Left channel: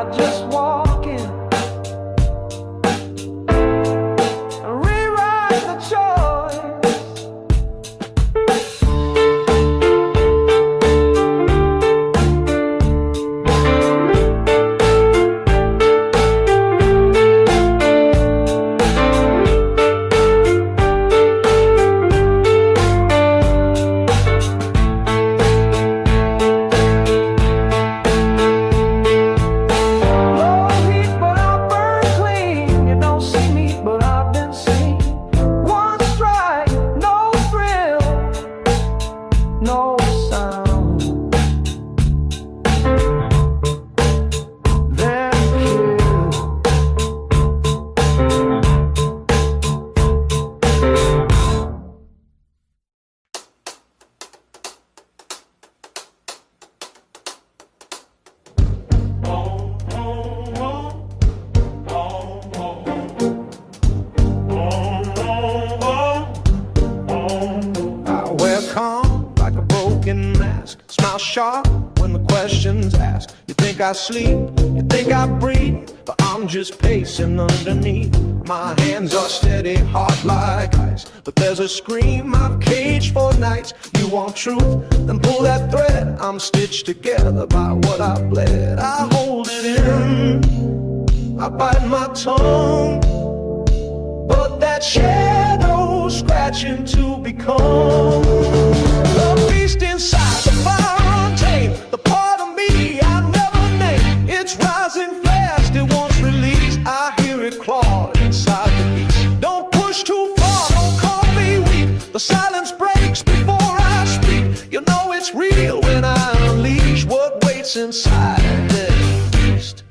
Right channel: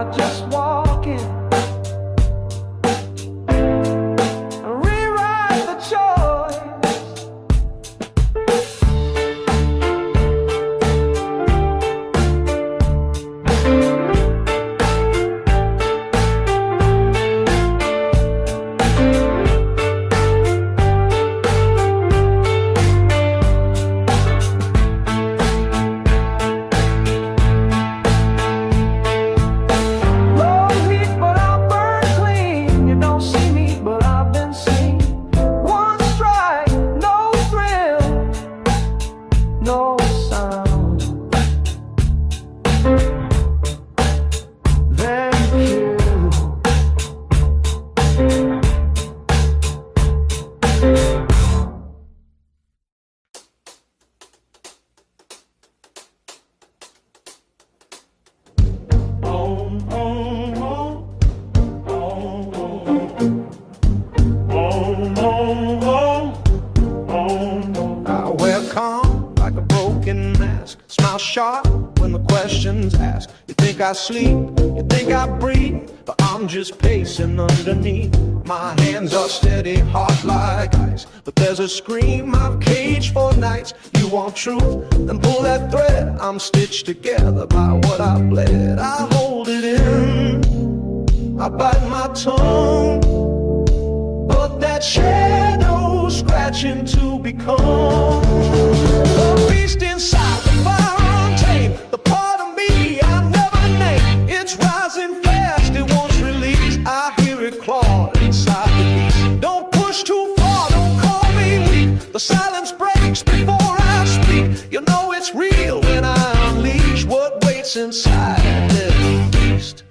I just walk in and rewrite the choice. Sharp when the questions asked. You think I sleep, you think I breathe, but I'm just pacing underneath. My hands are steady, hard like ice, but there's a scream I've caged for nights. You want truth? Then pull that thread. I'm stitched together by what I bled. I hold it in, I bite my tongue, but that shadow's scratching to become the beast inside, the fire untamed, the part of me I never named. It's rising fast, it wants release. I hear it claw inside the beast. Don't push too far, don't call me weak. The silence breaks before I speak. You know it's real when I unleash what waits inside the beast.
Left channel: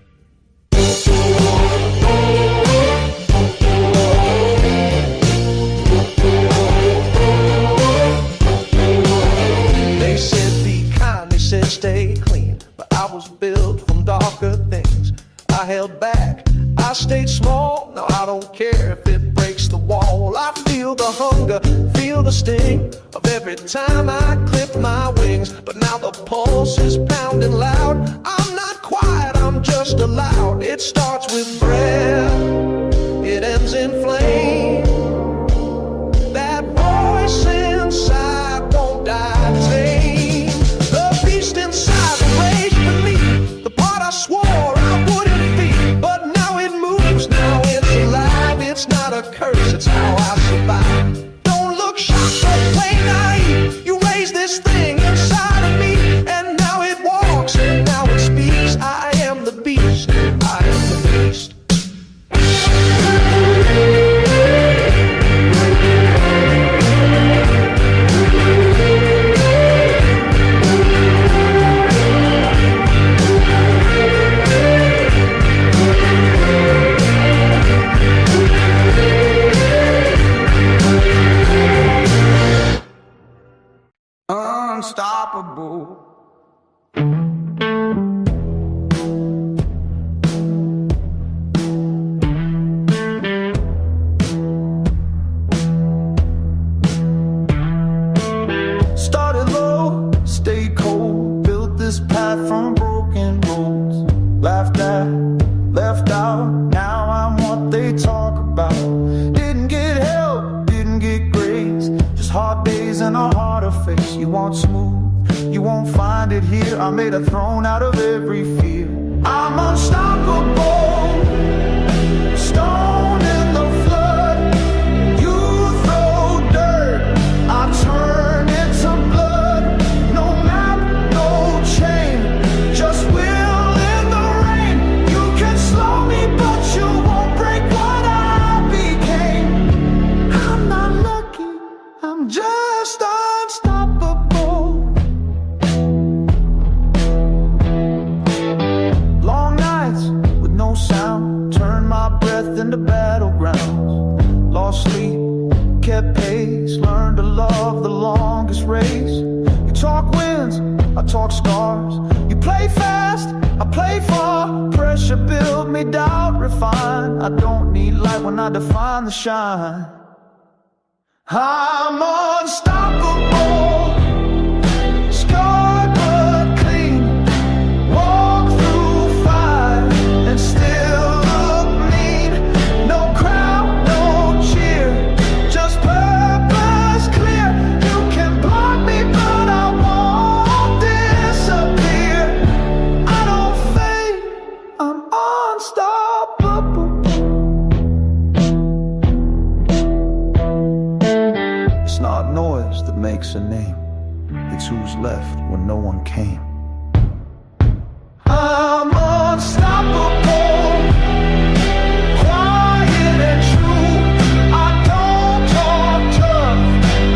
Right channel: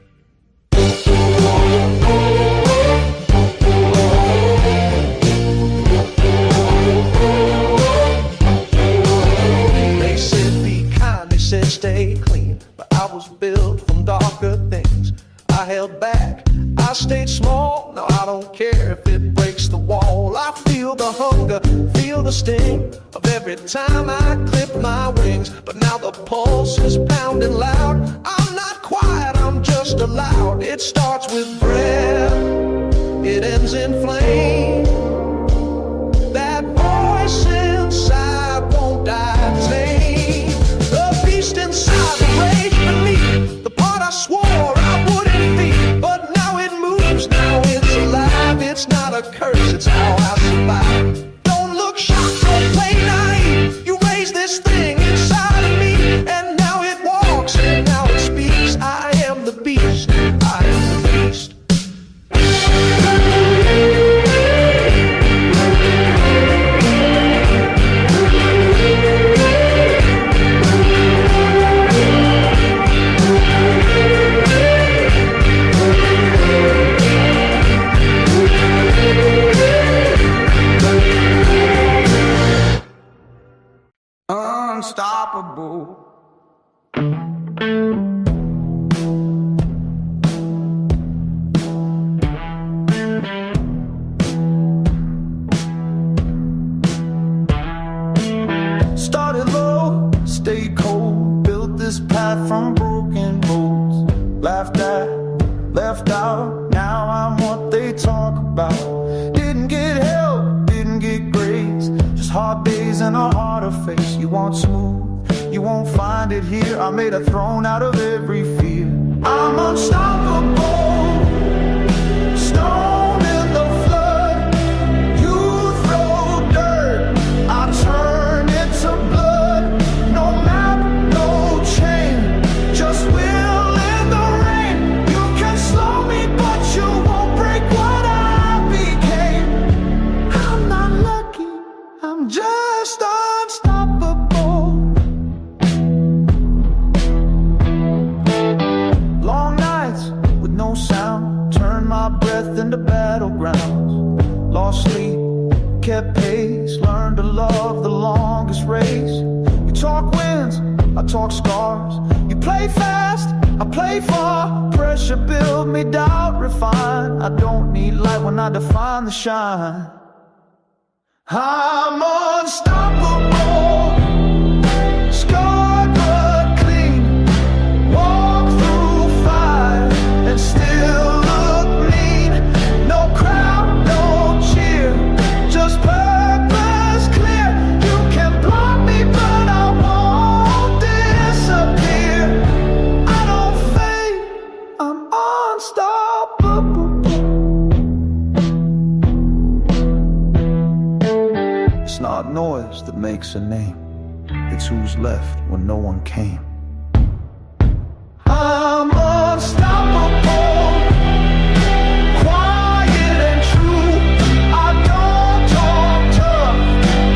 They said be kind, they said stay clean, but I was built from darker things. I held back, I stayed small. Now I don't care if it breaks the wall. I feel the hunger, feel the sting of every time I clip my wings. But now the pulse is pounding loud. I'm not quiet, I'm just aloud. It starts with breath, it ends in flame. That voice inside won't die tame. The beast inside, the rage beneath, the part I swore I wouldn't feed. But now it moves, now it's alive. It's not a curse, it's how I survive. Don't look shocked, don't play naive. You raise this thing inside of me, and now it walks, and now it speaks. I am the beast, I am the beast. Unstoppable. Started low, stayed cold, built this path from broken roads. Laughed at, left out, now I'm what they talk about. Didn't get help, didn't get grace, just hard days and a harder face. You want smooth, you won't find it here. I made a throne out of every fear. I'm unstoppable, stone in the flood. You throw dirt, I turn it to blood. No map, no chain, just will in the rain. You can slow me, but you won't break what I became. I'm not lucky, I'm just unstoppable. Long nights with no sound, turn my breath into battlegrounds. Lost sleep, kept pace, learned to love the longest race. You talk wins, I talk scars. You play fast, I play far. Pressure build me, doubt refine. I don't need light when I define the shine. I'm unstoppable, scarred but clean. Walk through fire, loves that makes a name. It's who's left when no one came. I'm unstoppable, quiet and true. I don't talk tough,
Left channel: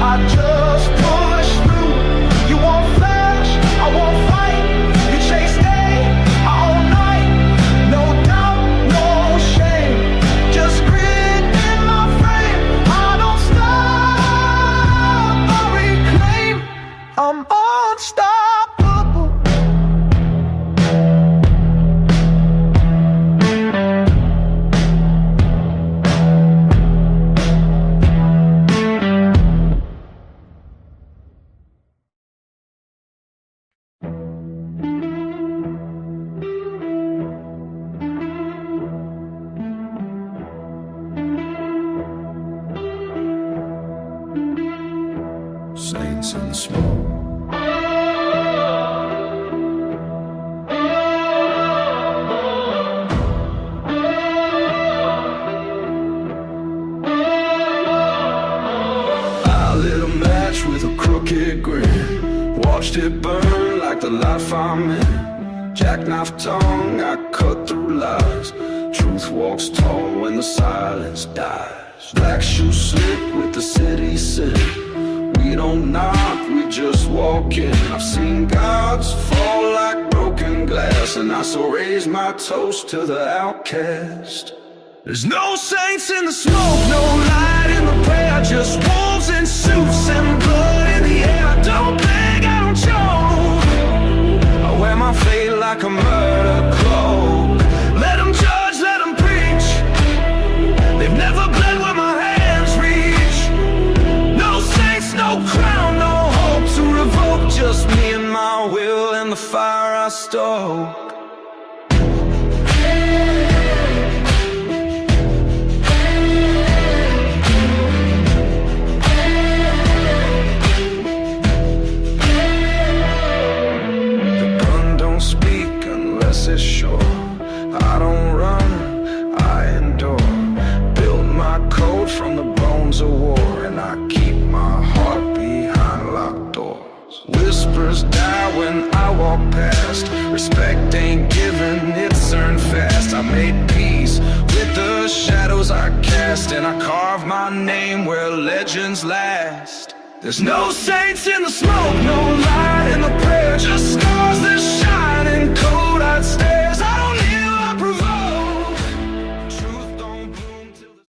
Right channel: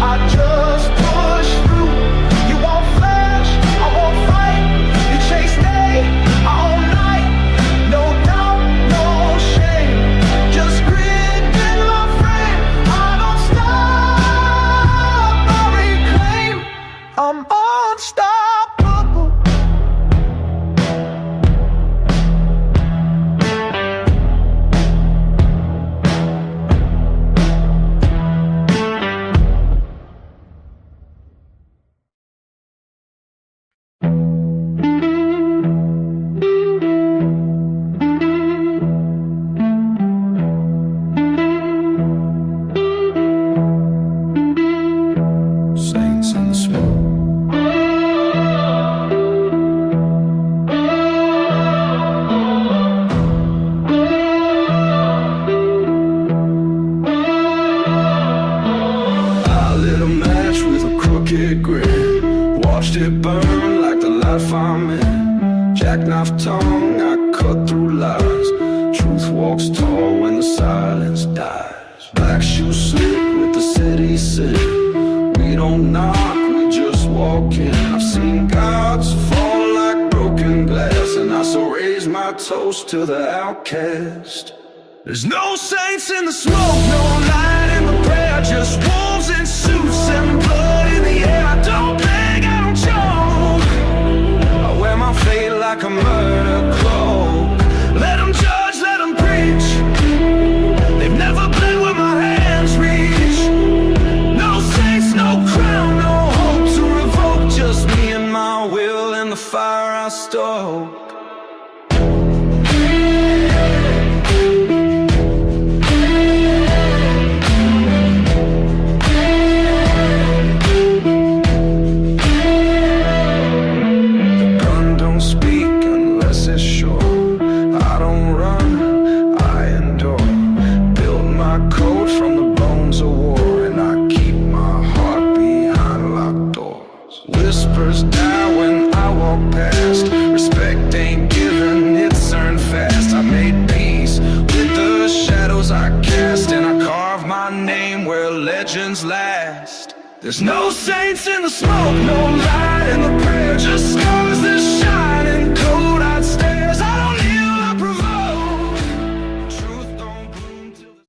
I just push through. You won't flash, I won't fight. You chase day, I own night. No doubt, no shame, just grit in my frame. I don't stop, I reclaim. I'm unstoppable. Saints in the smoke. I lit a match with a crooked grin, watched it burn like the life I'm in. Jackknife tongue, I cut through lies. Truth walks tall when the silence dies. Black shoes slip with the city sin. We don't knock, we just walk in. I've seen gods fall like broken glass, and I still raise my toast to the outcast. There's no saints in the smoke, no light in the prayer, just wolves in suits and blood in the air. I don't beg, I don't choke, I wear my fate like a murder cloak. Let them judge, let them preach, they've never bled where my hands reach. No saints, no crown, no hope to revoke, just me and my will and the fire I stoke. The gun don't speak unless it's sure. I don't run, I endure. Built my code from the bones of war, and I keep my heart behind locked doors. Whispers die when I walk past. Respect ain't given, it's earned fast. I made peace with the shadows I cast, and I carved my name where legends last. There's no saints in the smoke, no light in the prayer, just scars that shine in cold I'd stare.